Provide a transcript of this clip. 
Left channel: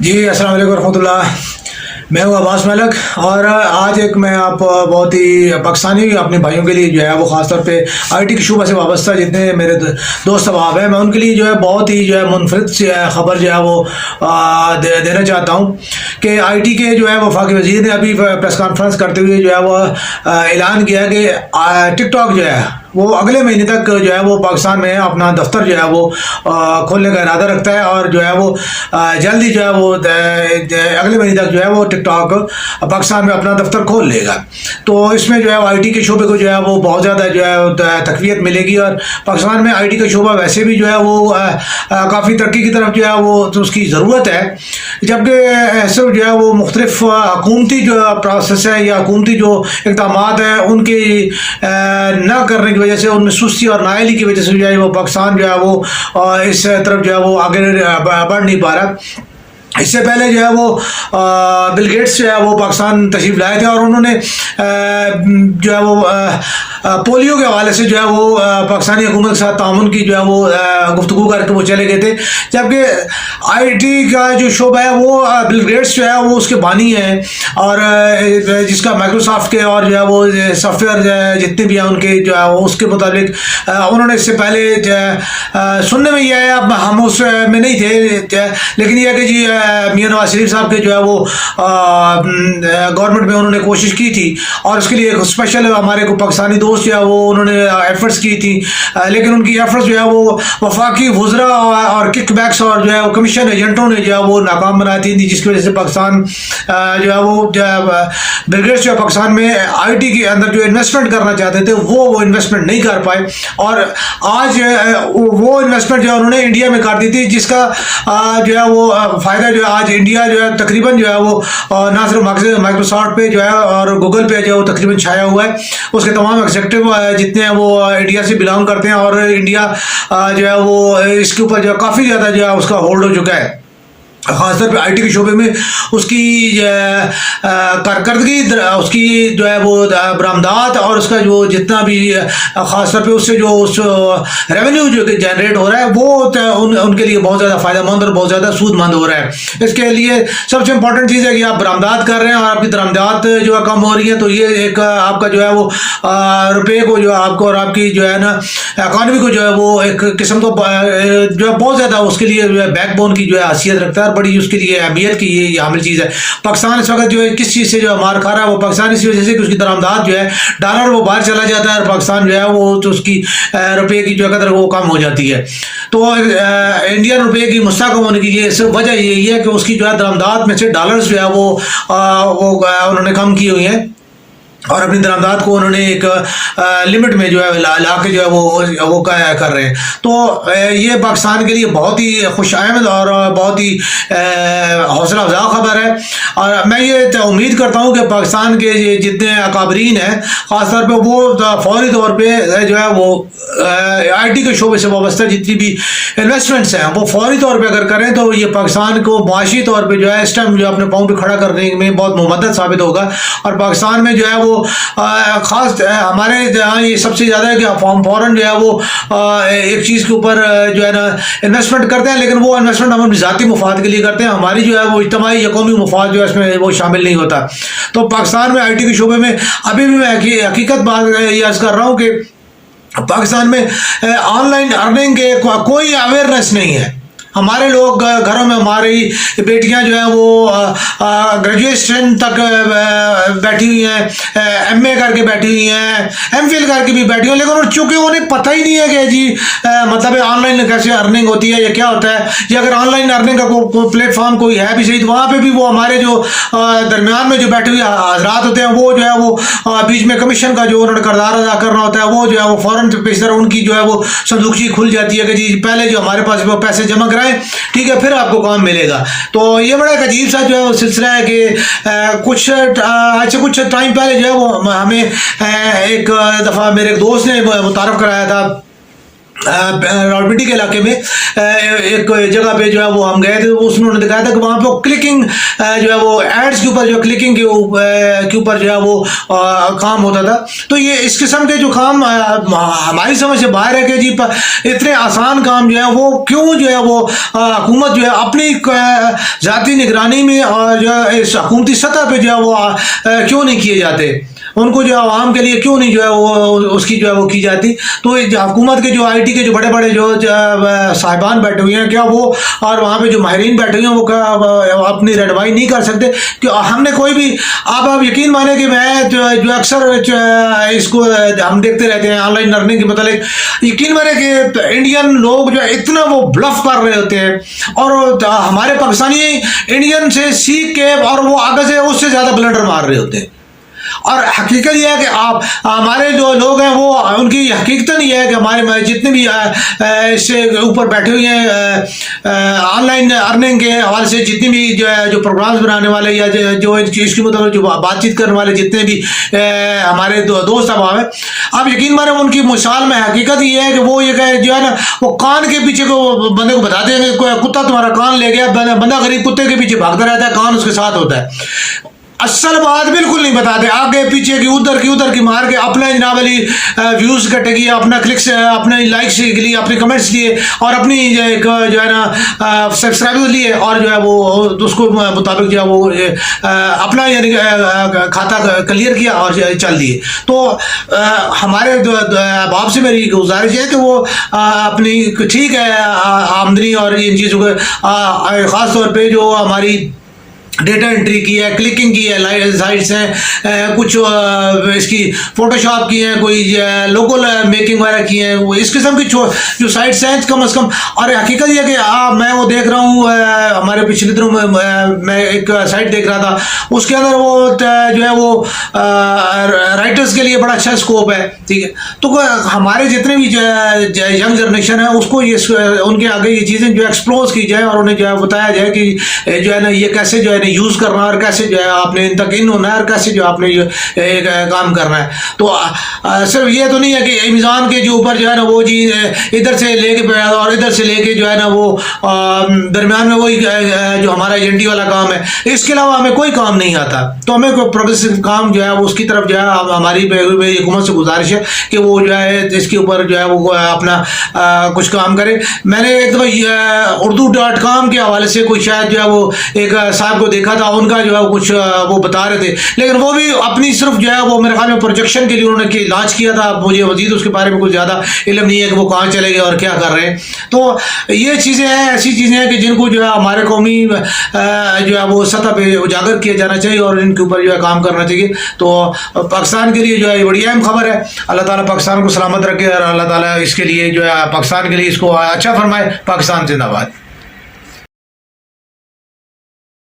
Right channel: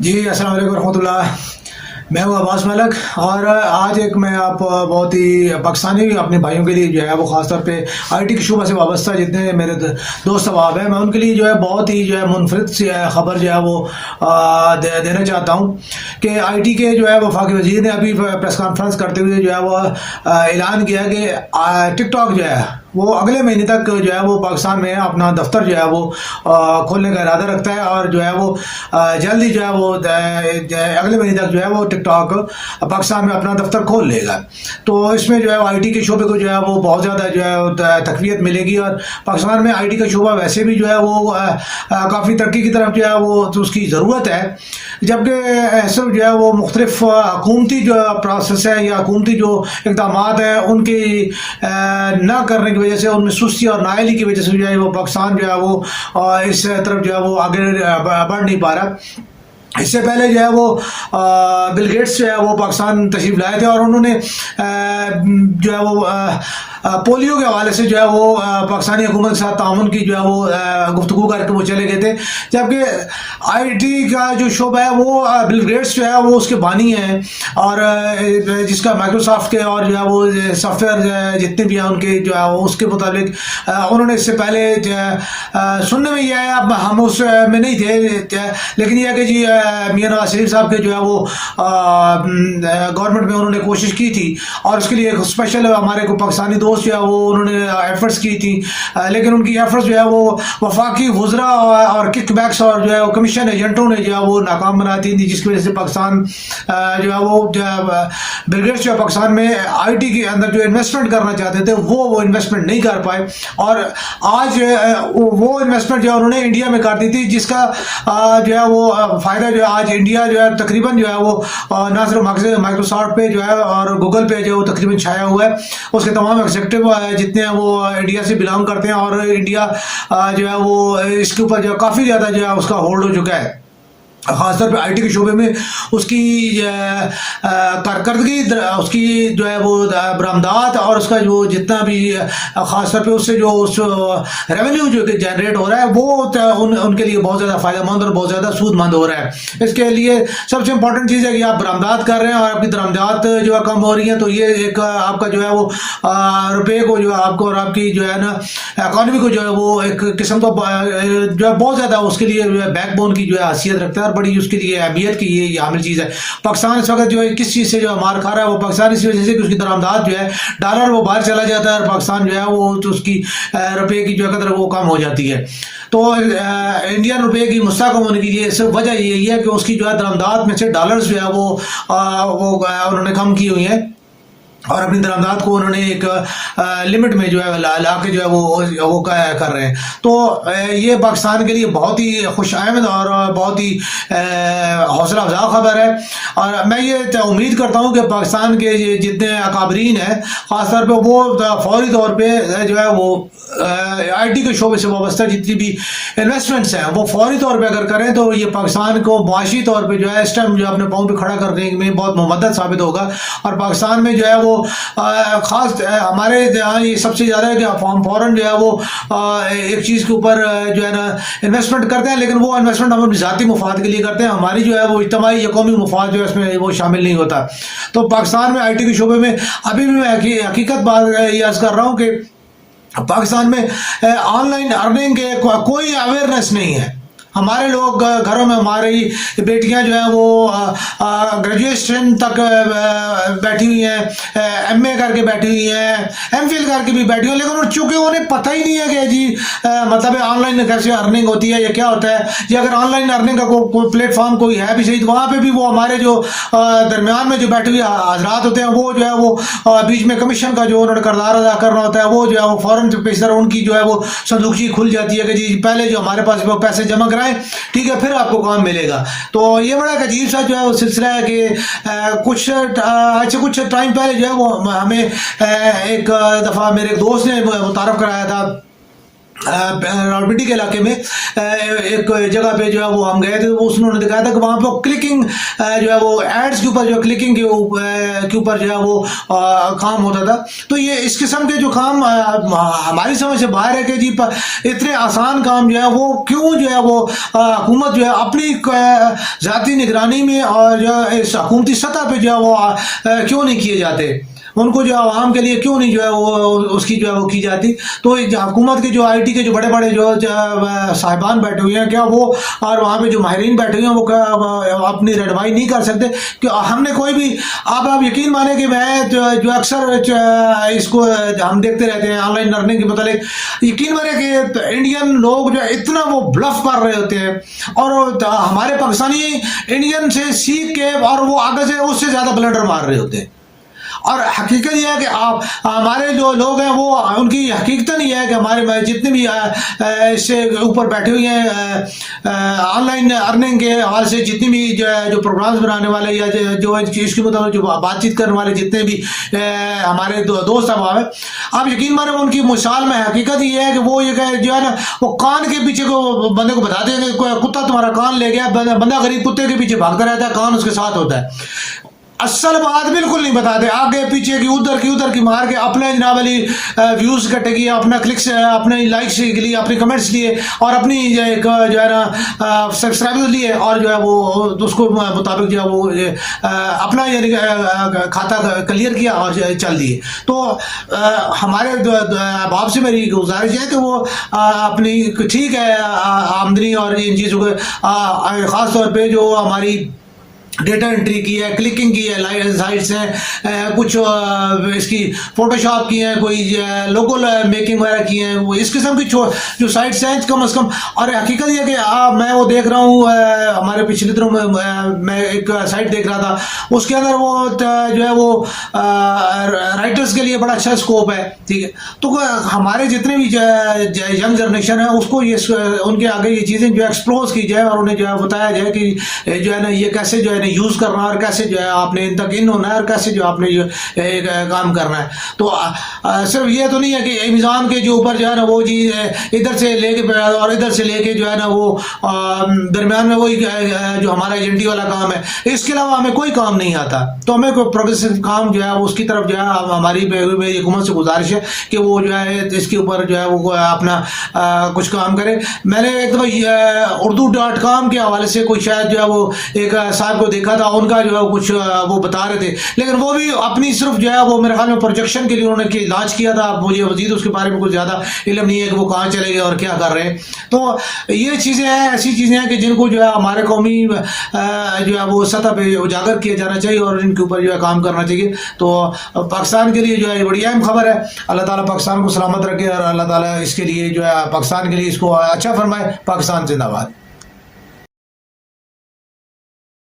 جی السلام علیکم ورحمۃ اللہ. میں ہوں عباس ملک، اور آج ایک میں آپ بہت ہی پاکستانی اپنے بھائیوں کے لیے جو ہے وہ خاص طور پہ آئی ٹی کے شعبہ سے وابستہ جتنے میرے دوست احباب ہیں، میں ان کے لیے جو ہے بہت ہی جو ہے منفرد سی خبر جو ہے وہ دینا چاہتا ہوں کہ آئی ٹی کے جو ہے وفاقی وزیر نے ابھی پریس کانفرنس کرتے ہوئے جو ہے وہ اعلان کیا کہ ٹک ٹاک جو ہے وہ اگلے مہینے تک جو ہے وہ پاکستان میں اپنا دفتر جو ہے وہ کھولنے کا ارادہ رکھتا ہے، اور جو ہے وہ جلدی جو ہے وہ اگلے مہینے تک جو ہے وہ ٹک ٹاک پاکستان میں اپنا دفتر کھول لے گا. تو اس میں جو ہے آئی ٹی کے شعبے کو جو ہے وہ بہت زیادہ جو ہے تقویت ملے گی، اور پاکستان میں آئی ٹی کا شعبہ ویسے بھی جو ہے وہ کافی ترقی کی طرف جو ہے وہ اس کی ضرورت ہے، جبکہ ایسے جو ہے وہ مختلف حکومتی جو پروسیس ہے یا حکومتی جو اقدامات ہیں ان کی نہ کرنے کی وجہ سے، ان میں سستی اور نااہلی کی وجہ سے جو ہے وہ پاکستان جو ہے وہ اس طرف جو ہے وہ آگے بڑھ نہیں پا رہا. اس سے پہلے جو ہے وہ بل گیٹس جو ہے وہ پاکستان تشریف لائے تھے، اور انہوں نے جو ہے وہ پولیو کے حوالے سے جو ہے وہ پاکستانی حکومت کے ساتھ تعاون کی جو ہے وہ گفتگو کر کے وہ چلے گئے تھے. جبکہ آئی ٹی کا جو شعبہ ہے وہ بل گیٹس جو ہے وہ اس کے بانی ہیں، اور جس کا مائکروسافٹ کے اور جو ہے وہ سافٹ ویئر جتنے بھی ہیں ان کے جو ہے اس کے مطابق انہوں نے اس سے پہلے سننے میں یہ ہے، اب ہم اس میں نہیں تھے، لیکن یہ ہے کہ جی میاں نواز شریف صاحب کے جو ہے وہ گورنمنٹ میں انہوں نے کوشش کی تھی، اور اس کے لیے ایک اسپیشل ہمارے کو پاکستانی دوست جو ہے وہ انہوں نے ایفرٹس کی تھی، لیکن ان کی ایفرٹس جو ہے وہ وفاقی وزراء اور کک بیکس اور جو ہے وہ کمیشن ایجنٹوں نے جو ہے وہ ناکام بناتی تھی، جس کی وجہ سے پاکستان جو ہے وہ بل گیٹس جو ہے پاکستان میں آئی ٹی کے اندر جو انویسٹمنٹ کرنا چاہتے تھے وہ انویسٹمنٹ نہیں کر پائے، اور آج وہ انویسٹمنٹ جو ہے انہوں نے انڈیا میں کر دی تھی، جس کا جو ہے وہ فائدہ جو ہے آج انڈیا جو ہے تقریباً جو ہے وہ نہ صرف مائکروسافٹ پہ جو ہے اور گوگل پہ جو ہے وہ تقریباً چھایا ہوا ہے. اس کے تمام ایگزیکٹو جتنے ہیں وہ انڈیا سے بلانگ کرتے ہیں، اور انڈیا جو ہے وہ اس کے اوپر جو ہے کافی زیادہ جو ہے اس کا ہولڈ ہو چکا ہے. خاص طور پہ آئی ٹی کے شعبے میں اس کی کارکردگی، اس کی جو ہے وہ برآمدات، اور اس کا جو جتنا بھی خاص طور پہ اس سے جو اس ریونیو جو کہ جنریٹ ہو رہا ہے وہ ان کے لیے بہت زیادہ فائدہ مند اور بہت زیادہ سود مند ہو رہا ہے. اس کے لیے سب سے امپورٹنٹ چیز ہے کہ آپ برآمدات کر رہے ہیں اور آپ کی درآمدات جو ہے کم ہو رہی ہیں، تو یہ ایک آپ کا جو ہے وہ روپے کو جو آپ کو اور آپ کی جو ہے نا اکانومی کو جو ہے وہ ایک قسم کو جو ہے بہت زیادہ اس کے لیے بیک بون کی جو ہے حیثیت رکھتا ہے، بڑی اس کے لیے اہمیت کی یہ حامل چیز ہے. پاکستان اس وقت جو ہے کس چیز سے جو مار کھا رہا ہے وہ پاکستان اسی وجہ سے کہ اس کی درآمدات جو ہے ڈالر وہ باہر چلا جاتا ہے، اور پاکستان جو ہے وہ تو اس کی روپے کی جو قدر وہ کم ہو جاتی ہے. تو انڈین روپے کی مستحکم ہونے کی یہ صرف وجہ یہی ہے کہ اس کی جو ہے درآمدات میں سے ڈالرز جو ہے وہ انہوں نے کم کی ہوئی ہیں، اور اپنی درآمدات کو انہوں نے ایک لمٹ میں جو ہے لا کے جو ہے وہ کر رہے ہیں. تو یہ پاکستان کے لیے بہت ہی خوش آمد اور بہت ہی حوصلہ افزا خبر ہے، اور میں یہ امید کرتا ہوں کہ پاکستان کے جتنے اکابرین ہیں خاص طور پہ وہ فوری طور پہ جو ہے وہ آئی ٹی کے شعبے سے وابستہ جتنی بھی انویسٹمنٹس ہیں وہ فوری طور پہ اگر کریں تو یہ پاکستان کو معاشی طور پہ جو ہے اس ٹائم جو اپنے پاؤں پہ کھڑا کرنے میں بہت ممدد ثابت ہوگا. اور پاکستان میں جو ہے وہ خاص ہمارے یہاں یہ سب سے زیادہ ہے کہ فوراً جو ہے وہ ایک چیز کے اوپر جو ہے نا انویسٹمنٹ کرتے ہیں، لیکن وہ انویسٹمنٹ ہم اپنی ذاتی مفاد کے لیے کرتے ہیں، ہماری جو ہے وہ اجتماعی یا قومی مفاد جو ہے اس میں وہ شامل نہیں ہوتا. تو پاکستان میں آئی ٹی کے شعبے میں ابھی بھی میں حقیقت بات یہ عرض کر رہا ہوں کہ پاکستان میں آن لائن ارننگ کے کوئی اویئرنیس نہیں ہے. ہمارے لوگ گھروں میں ہماری بیٹیاں جو ہیں وہ گریجویشن تک بیٹھی ہوئی ہیں، ایم اے کر کے بیٹھی ہوئی ہیں، ایم فل کر کے بھی بیٹھی ہوئی ہیں، لیکن چونکہ انہیں پتہ ہی نہیں ہے کہ جی مطلب آن لائن کیسے ارننگ ہوتی ہے یا کیا ہوتا ہے، یا اگر آن لائن ارننگ کا کوئی پلیٹ فارم کوئی ہے بھی صحیح تو وہاں پہ بھی وہ ہمارے جو درمیان میں جو بیٹھے ہوئے حضرات ہوتے ہیں وہ جو ہے وہ بیچ میں کمیشن کا جو انہوں نے کردار ادا کرنا ہوتا ہے وہ جو ہے وہ فوراً پیش ان کی جو ہے وہ صندوقچی کھل جاتی ہے کہ جی پہلے جو ہمارے پاس وہ پیسے جمع کرائیں، ٹھیک ہے، پھر آپ کو کام ملے گا. تو یہ بڑا ایک عجیب سا جو ہے سلسلہ ہے کہ کچھ ٹائم پہلے جو ہے وہ ہمیں ایک دفعہ میرے ایک دوست نے متعارف کرایا تھا راولپنڈی کے علاقے میں ایک جگہ پہ جو ہے وہ ہم گئے تھے. اس انہوں نے دکھایا تھا کہ وہاں پہ کلکنگ جو ہے وہ ایڈس کے اوپر جو کلکنگ کے اوپر جو ہے وہ کام ہوتا تھا. تو یہ اس قسم کے جو کام ہماری سمجھ سے باہر ہے کہ جی اتنے آسان کام جو ہے وہ کیوں جو ہے وہ حکومت جو ہے اپنی ذاتی نگرانی میں اور جو ہے اس حکومتی سطح پہ جو ہے وہ کیوں نہیں کیے جاتے, ان کو جو عوام کے لیے کیوں نہیں جو ہے وہ اس کی جو ہے وہ کی جاتی. تو حکومت کے جو آئی ٹی کے جو بڑے بڑے جو صاحبان بیٹھے ہوئے ہیں, کیا وہ اور وہاں پہ جو ماہرین بیٹھے ہوئے ہیں وہ اپنی رہنمائی نہیں کر سکتے؟ کہ ہم نے کوئی بھی آپ یقین مانیں کہ میں جو اکثر اس کو ہم دیکھتے رہتے ہیں آن لائن لرننگ کے متعلق, یقین مانیں کہ انڈین لوگ جو ہے اتنا وہ بلف کر رہے ہوتے ہیں اور ہمارے پاکستانی انڈین سے سیکھ کے اور وہ آگے سے اس سے زیادہ بلنڈر مار رہے ہوتے ہیں. اور حقیقت یہ ہے کہ آپ ہمارے جو لوگ ہیں وہ ان کی حقیقت یہ ہے کہ ہمارے جتنے بھی اس سے اوپر بیٹھے ہوئے ہیں آن لائن ارننگ کے حوالے سے, جتنی بھی جو پروگرامز بنانے والے یا جو اس کے مطابق جو بات چیت کرنے والے جتنے بھی ہمارے دوست احباب ہیں, آپ یقین مانیں ان کی مثال میں حقیقت یہ ہے کہ وہ یہ کہ جو ہے نا وہ کان کے پیچھے کو بندے کو بتاتے ہیں کہ کتا تمہارا کان لے گیا, بندہ غریب کتے کے پیچھے بھاگتا رہتا ہے, کان اس کے ساتھ ہوتا ہے. اصل بات بالکل نہیں بتاتے, آگے پیچھے کی ادھر کی مار کے اپنا جناب علی ویوز کٹے گی, اپنا کلکس, اپنے لائکس کے لیے, اپنے کمنٹس لیے اور اپنی ایک جو ہے نا سبسکرائبر لیے اور جو ہے وہ اس کو مطابق جو ہے وہ اپنا یعنی کھاتا کلیئر کیا اور چل دیے. تو ہمارے باپ سے میری گزارش ہے کہ وہ اپنی ٹھیک ہے آمدنی اور ان چیزوں کو خاص طور پہ جو ہماری ڈیٹا انٹری کی ہے, کلکنگ کی ہے, سائٹس ہیں کچھ اس کی فوٹو شاپ کی ہیں, کوئی لوگو میکنگ وغیرہ کی ہیں, وہ اس قسم کی جو سائٹس ہیں کم از کم. اور حقیقت یہ کہ میں وہ دیکھ رہا ہوں ہمارے پچھلے دنوں میں ایک سائٹ دیکھ رہا تھا, اس کے اندر وہ جو ہے وہ رائٹرز کے لیے بڑا اچھا اسکوپ ہے. ٹھیک ہے, تو ہمارے جتنے بھی ینگ جنریشن ہے اس کو ان کے آگے یہ چیزیں جو ایکسپلوز کی جائے اور انہیں جو ہے بتایا جائے کہ جو ہے نا یہ کیسے جو ہے یوز کرنا اور کیسے جو ہے آپ نے ان تک ان ہونا ہے اور کیسے جو آپ نے کام کرنا ہے. تو صرف یہ تو نہیں ہے کہ ایمیزون کے جو اوپر جو ہے نا وہ جی ادھر سے لے کے اور ادھر سے لے کے جو ہے نا وہ درمیان میں وہی جو ہمارا ایجنٹی والا کام ہے, اس کے علاوہ ہمیں کوئی کام نہیں آتا. تو ہمیں کوئی پروگریسو کام جو ہے وہ اس کی طرف جو ہے ہماری حکومت سے گزارش ہے کہ وہ جو ہے اس کے اوپر جو ہے وہ اپنا کچھ کام کرے. میں نے ایک دفعہ urdu.com کے حوالے سے کوئی شاید جو ہے وہ ایک صاحب کو دیکھا تھا, ان کا جو ہے کچھ وہ بتا رہے تھے, لیکن وہ بھی اپنی صرف جو ہے وہ میرے خیال میں پروجیکشن کے لیے انہوں نے لانچ کیا تھا. مجھے مزید اس کے بارے میں کچھ زیادہ علم نہیں ہے کہ وہ کہاں چلے گئے اور کیا کر رہے ہیں. تو یہ چیزیں ہیں, ایسی چیزیں ہیں کہ جن کو جو ہے ہمارے قومی جو ہے وہ سطح پہ اجاگر کیا جانا چاہیے اور ان کے اوپر جو ہے کام کرنا چاہیے. تو پاکستان کے لیے جو ہے بڑی اہم خبر ہے. اللہ تعالیٰ پاکستان کو سلامت رکھے اور اللہ تعالیٰ اس کے لیے جو ہے پاکستان کے لیے اس کو اچھا فرمائے. پاکستان زندہ باد.